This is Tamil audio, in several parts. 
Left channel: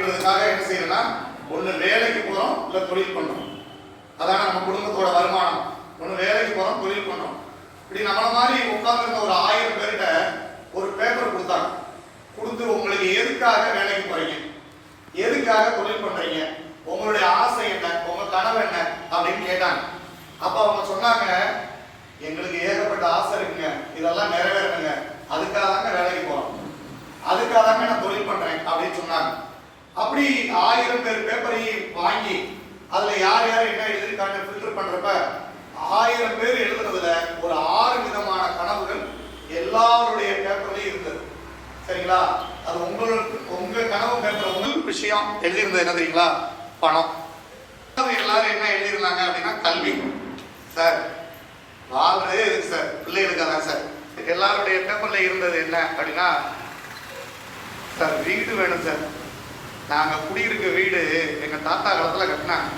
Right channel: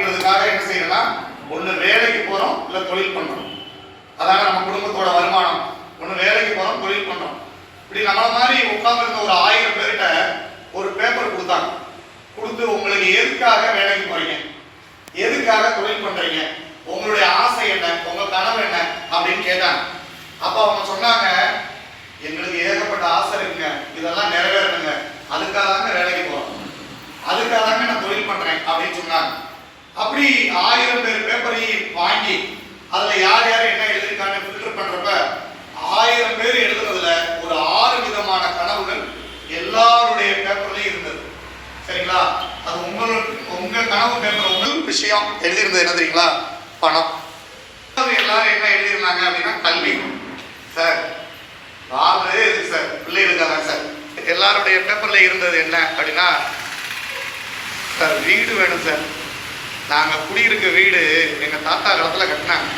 என்ன செய்யலாம், ஒன்று வேலைக்கு போகிறோம், இல்லை தொழில் பண்ணுறோம். அதான நம்ம குடும்பத்தோட வருமானம். ஒன்று வேலைக்கு போகிறோம், தொழில் பண்ணுறோம். இப்படி நம்மள மாதிரி உட்காந்துருந்த ஒரு 1000 பேர்கிட்ட ஒரு பேப்பர் கொடுத்தாங்க. கொடுத்து உங்களுக்கு எதுக்காக வேலைக்கு போறீங்க, எதுக்காக தொழில் பண்றீங்க, உங்களுடைய ஆசை என்ன, உங்க கனவு என்ன அப்படின்னு கேட்டாங்க. அப்ப அவங்க சொன்னாங்க, எங்களுக்கு ஏகப்பட்ட ஆசை இருக்குங்க, இதெல்லாம் நிறைவேறணுங்க, அதுக்காக தாங்க வேலைக்கு போறோம், அதுக்காக தாங்க நான் தொழில் பண்றேன் அப்படின்னு சொன்னாங்க. அப்படி 1000 பேர் பேப்பரையும் வாங்கி அதுல யார் யார் என்ன எழுதிருக்காங்க ஃபில்டர் பண்றப்ப 1000 பேர் எழுதுறதுல ஒரு 6 விதமான கனவுகள் எல்லாருடைய பேப்பர்லயும் இருந்தது. சரிங்களா? அது உங்க கனவு பேப்பர் உங்களுக்கு விஷயம் எழுதியிருந்தது என்ன தெரியுங்களா? பணம். எல்லாரும் என்ன எழுதியிருந்தாங்க அப்படின்னா கல்வி. சார் வாழ்றதே இருக்கு சார், பிள்ளைகளுக்காக சார். எல்லாருடைய பேப்பர்ல இருந்தது என்ன அப்படின்னா, சார் வீடு வேணும் சார், நாங்க குடியிருக்க வீடு எங்க தாத்தா காலத்துல கட்டினாங்க,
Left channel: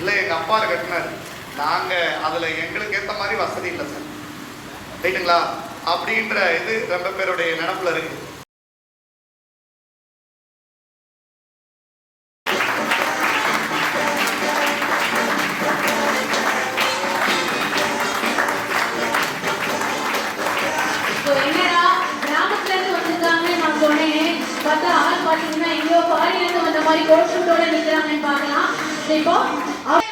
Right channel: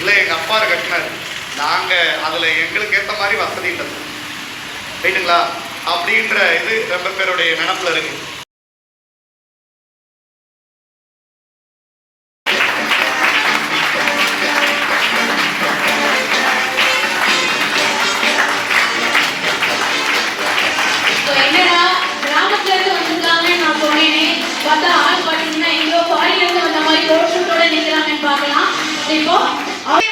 இல்லை எங்க அப்பா கட்டினாரு, நாங்க அதுல எங்களுக்கு ஏற்ற மாதிரி வசதி இல்லை சார், ரைட்டுங்களா? அப்படின்ற இது ரொம்ப பேருடைய நினைப்புல இருக்கு.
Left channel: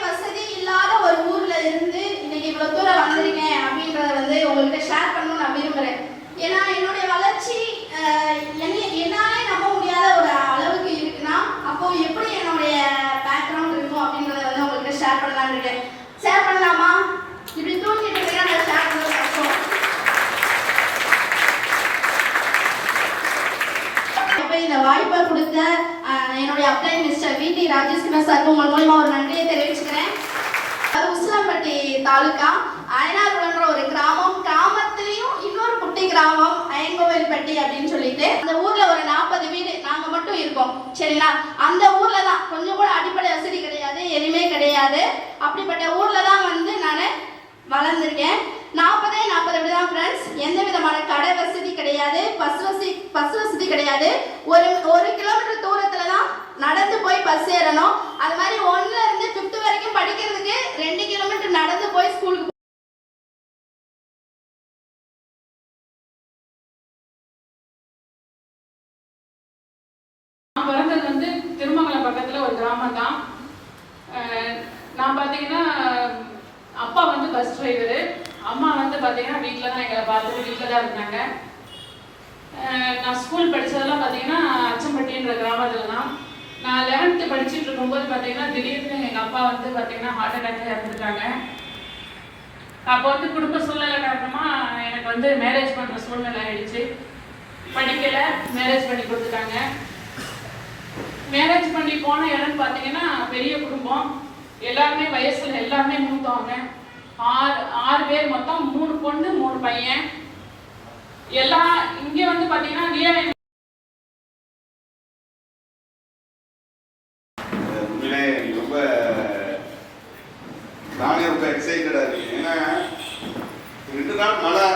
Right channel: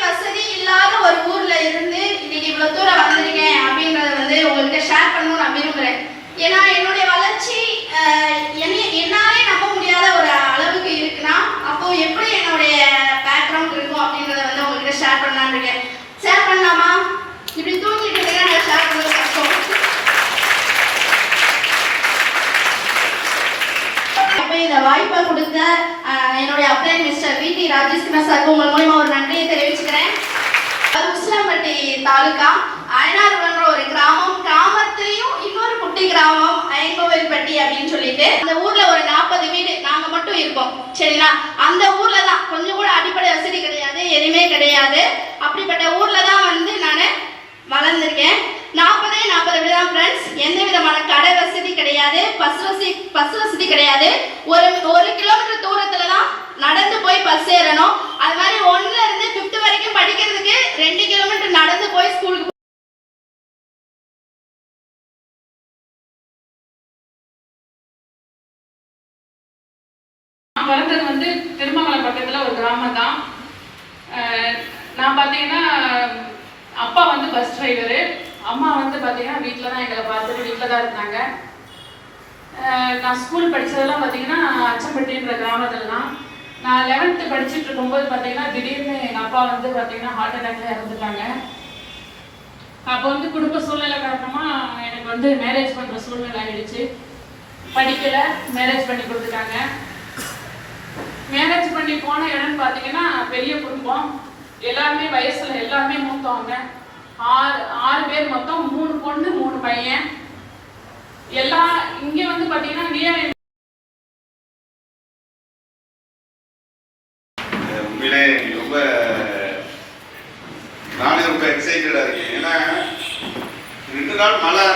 வசதி இல்லாத ஒரு ஊர்ல இருந்து இன்னைக்கு இவ்வளவு தூரம் வந்திருக்கேன் அப்படின்றத உங்கள்கிட்ட ஷேர் பண்ணணும்னு நான் விரும்புறேன். ஏன்னா என்னுடைய வளர்ச்சி என்னாலே நம்ப முடியாத ஒரு அளவுக்கு இருக்குன்னா, அப்போ எப்படி என்னுடைய பேக்ரவுண்ட் இருக்கும் அப்படின்றத உங்கள்கிட்ட ஷேர் பண்ணலான்னு இருக்கேன். ஷேர் பண்ணலாமா? இப்படி தூங்கிட்டு இருக்கேன், ஷேர் பண்ணுறது கஷ்டம். இந்த வாய்ப்பை கொடுத்த என்னுடைய அப்ளை மிஸ்டர் வி.டி. ராஜேஸ்வர சாருக்கு உங்கள் மூலமா ஒரு நன்றியை தெரிவிச்சுக்கிறேன். அது உசிலம்பட்டி தாலுகா அயனார்ன்ற ஒரு கிராமம். கிராமத்திலையும் இன்னொரு குட்டி கிராமம் ஐங்கோவில்பட்டி அப்படின்னு சொல்லிட்டு அந்த ஊர்ல ஒரு 40 வீடு நாங்க மட்டும் இருக்கோம். சரிங்களா? அந்த ஊர்ல தான் கொஞ்சம் கூட அடிப்படை வசதி கிடையாது, எதுவுமே கிடையாது. அப்படிப்பட்ட ஊர்ல தான் நான் வளர்ந்துருக்கேன். 40 வீடு தான் ஃப்ரெண்ட்ஸ். எந்த விதமான கடை வசதி கிடையாது, பஸ் வசதி கிடையாது. ஒரு கிலோமீட்டர் தூரத்துல தான் நடந்து போய் பஸ் ஏறணும். அது மாதிரி 1ல இருந்து 5th வரைக்கும் படிக்கிறதுக்கு 2 கிலோமீட்டர் நடந்து போய் ஸ்கூலுக்கு பிறந்தது திருமங்கலம் பக்கத்துல ஒரு கிராமம் தான். நான் பார்த்தீங்கன்னா அப்பா பஸ் டிரைவரு, அம்மா பார்த்தீங்கன்னா வீட்டில் தான் எங்களை பார்த்துட்டு வீட்டில் தான் இருந்தாங்க. நான் ஸ்கூல் படித்ததெல்லாம் பார்த்தீங்கன்னா அச்சம்பட்டின்ற கிராமத்தில் தான். நான் 11th படிச்சுட்டு இருக்கும்போது பார்த்தீங்கன்னா திடீர்னு எங்கள் அப்பா பார்த்தீங்கன்னா ஹார்ட் அட்டாக்ல இறந்துட்டாங்க. அப்போ குடும்ப சூழ்நிலை காரணமாக எனக்கு மேரேஜ் பண்ணுற சூழ்நிலை ஆயிடுச்சு. படிக்கலை, மேரேஜ் பண்ணி கொடுத்துட்டாங்க. மேரேஜ் பண்ணி போன இடம்னு பார்த்தீங்கன்னா பெரிய குடும்பம், எல்லாருமே வயசுல எல்லாருமே மூத்தவங்க. 6 பேர் மொத்தம், 3 பொண்ணு 3 பையன். எல்லாம் இங்கே பார்த்தீங்கன்னா உண்மையிலே நானே ரொம்ப எக்ஸைட்டடா இருக்கேன். ஏன்னா 2 நாள் மழை.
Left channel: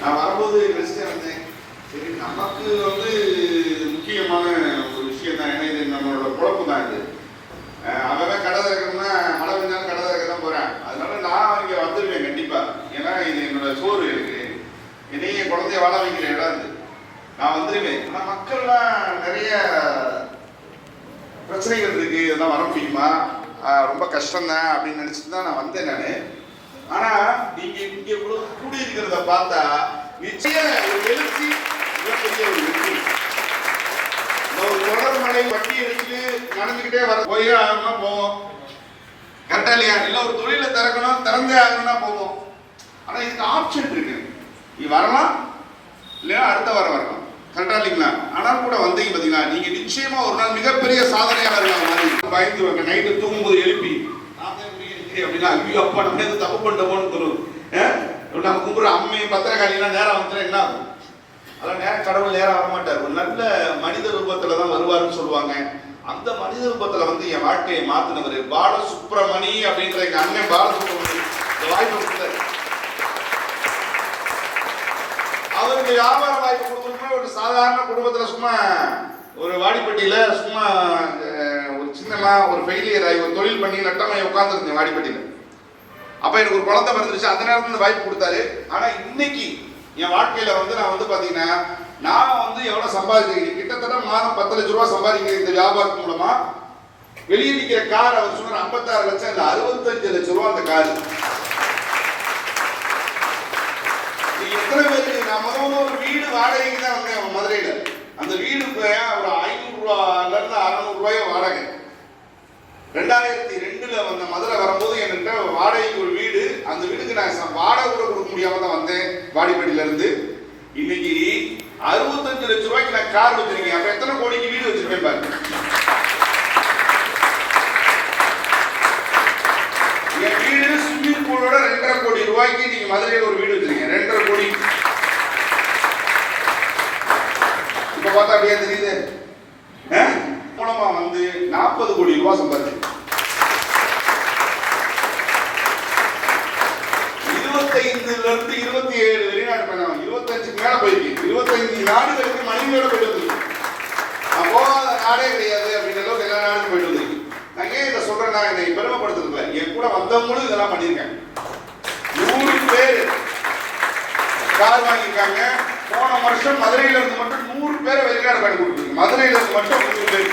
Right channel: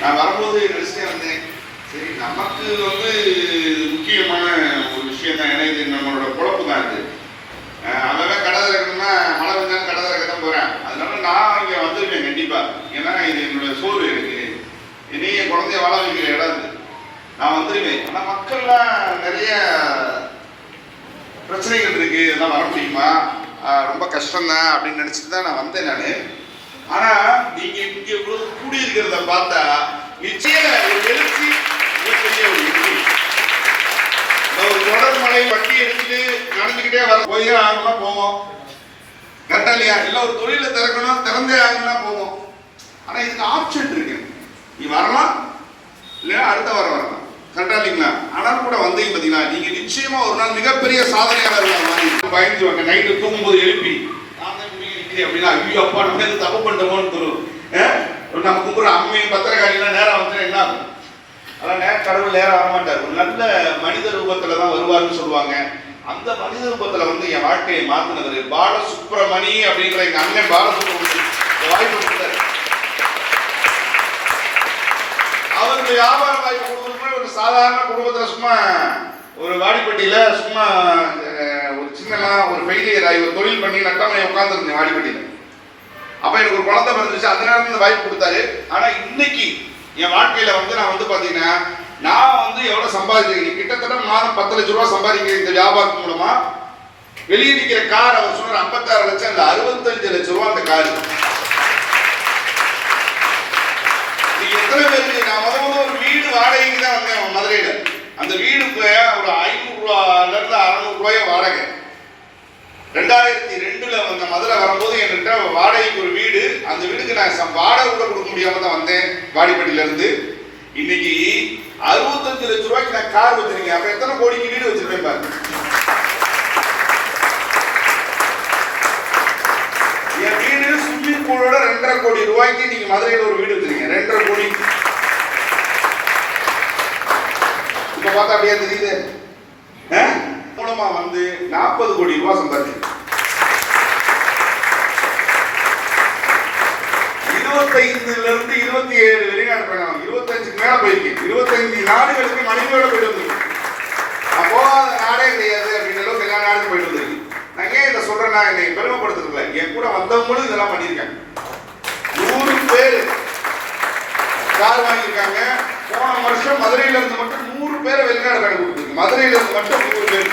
நான் வரும்போது நினைச்சிட்டே வந்தேன், சரி நமக்கு முக்கியமான ஒரு விஷயம் தான், ஏன்னா இது நம்மளோட குழப்பு தான். இது அவன் கடை திறக்கணும்னா மழை வந்தாலும் கடை திறக்க தான் போறேன். அதனால நான் இங்கே வந்துருக்கேன் கண்டிப்பா. ஏன்னா இது என்னோட சோர்வு, எனக்கு என்னைய குழந்தைய வாழ வைக்கிற இடம் இது. நான் வந்துருவேன். ஆனால் மக்கள்லாம் நிறைய பிரச்சனைகள் இருக்கு, இதெல்லாம் வர முடியுமா, ரொம்ப கஷ்டம்தான் அப்படின்னு நினைச்சிட்டு தான் நான் வந்தேன் நான். ஆனா நீங்க இங்க இவ்வளவு கூடியிருக்கிறத பார்த்தா நிச்சயம் ஒரு எழுச்சி, மிகப்பெரிய ஒரு வெற்றி. ஒரு தொடர் மழை வட்டி எடுத்துட்டு நடந்துக்கிட்டே வர போய் ஆகணும்னா போவோம், கரெக்டா இல்லையா? இல்லை ஒரு தொழில திறக்கணும், திறந்தே ஆகணும்னா போவோம். ஆனா இதுக்கு ஆப்ஷன் இருக்கு, நீ வரலாம் இல்லைன்னா அடுத்த வாரம் வரலாம், கரெக்டா இல்லைங்களா? ஆனால் கூட வந்தீங்க பார்த்தீங்களா, நீங்க நிச்சயமா ஒரு நாள் மிகப்பெரிய சாதனையாளர்கள். பயந்துவாங்க, நைட்டு தூங்கும்போது எழுப்பி நான் தான் நிற்கிறேன் அப்படின்னா, ஐயோ அப்பா நம்ம எது தப்பு பண்ணுவோம்னு தரும். நம்ம கும்புற அம்மையும் பத்திரக்காரிலாம் நேரம் வந்து என்ன ஆகும்? அதான் கடவுள் நேரம் வரமாட்டார், ஒரு நல்ல மனித ரூபத்துல தான் வருவாருன்னு சொல்லுவாங்க. அந்த மனித ரூபத்துல என் வாழ்க்கையை மாத்தினவர் பாலசுப்ரமணி அப்படின்ற எங்க அண்ணன் பாலசுப்ரமணி வாய்ப்பு கொடுத்தாரு. அவருக்கு வியாபார வாய்ப்பு கொடுக்கணும் ஒரு சாதாரண குடும்பத்தில் சும்மா ஒரு வாடிப்பட்டியில் சும்மா ஒரு சின்னமா ஒரு ஃபெயிலியர் ஆகி ஒரு தொழில் பண்ணி நட்டமாக உட்காந்துருந்தேன் வாடிப்பட்டியில். அப்போ எனக்கு ஒரு குழந்தை பிறந்துச்சு. அந்த நேரத்தில் இந்த வாய்ப்பு கொடுத்தாரு. ஆனால் இன்னைக்கு என் வாழ்க்கையில் வந்து நான் வந்து பார்த்தீங்கன்னா நான் வந்து எவ்வளோ சம்பாதிச்சிருக்கேன், கிட்டத்தட்ட மாதம் 10 லட்ச ரூபா சம்பாதிக்கிறேன் இந்த வியாபாரத்து மூலமா. வெளியே நிற்கிற கார் அவர் சொன்னார் 56 லட்சம் இல்லை 65 லட்ச ரூபா அந்த காரு. எத்தனை பேருக்கு நான் முதல்ல ஒரு வீடு வாடகைக்கு தான் வந்தேன் மதுரையில். அந்த வீடுக்கு ஒரு 500 ரூபாயிலிருந்து 600 ரூபாய் வாடகை. 2002 வந்த மதுரை வரும்போது என்கிட்ட வாடகைக்கு ஒரு வீடு, அந்த வீடுக்கு நான் வாடகை கூட கொடுக்க முடியாம தான் வந்தேன் வாடிப்பட்டியில இருந்து. இன்னைக்கு 65 லட்சம் ரூபாய்க்கு நான் கார் வச்சிருக்கேன். அப்ப எத்தனை கோடிக்கு வீடு வச்சிருப்பேன் பாருங்க. என் வீடு ஸ்விம்மிங் பூலோட 2.5 கோடி ரூபாய்க்கு நீங்க மதுரையில் ஒரு வீடு வச்சிருக்கீங்க. 2.5 கோடி. இப்ப பார்த்தா அப்படியே தெரியுது. மூலமா வந்து 40 கோடி ரூபாய் சம்பாதிச்சு 25ல இருந்து 27 வெளிநாடு பயணம், 25க்கு மேல போயிருக்கு. 25 நாடுகளுக்கு மனைவியோட போயிட்டு வந்திருக்கு. நான் போகாத நாடே கிடையாது அப்படின்ற அளவுக்கு எல்லா நாடுக்கும் போயிட்டு வந்திருக்கு. நான் ஏன் இதை சொல்றேன்னா என்னை பெருமைப்படுத்துறதுல என் கூட வந்தவங்களும் இதெல்லாம் பண்ணியிருக்காங்க. 100 பேர் கார் வாங்கியிருக்காங்க. போன வருஷம் மதுரையில இருந்து மட்டும் 100 பேரை வெளிநாடு பயணம் கொடுத்துருக்கு. மதுரையில இருந்து மட்டும் 100 பேர்.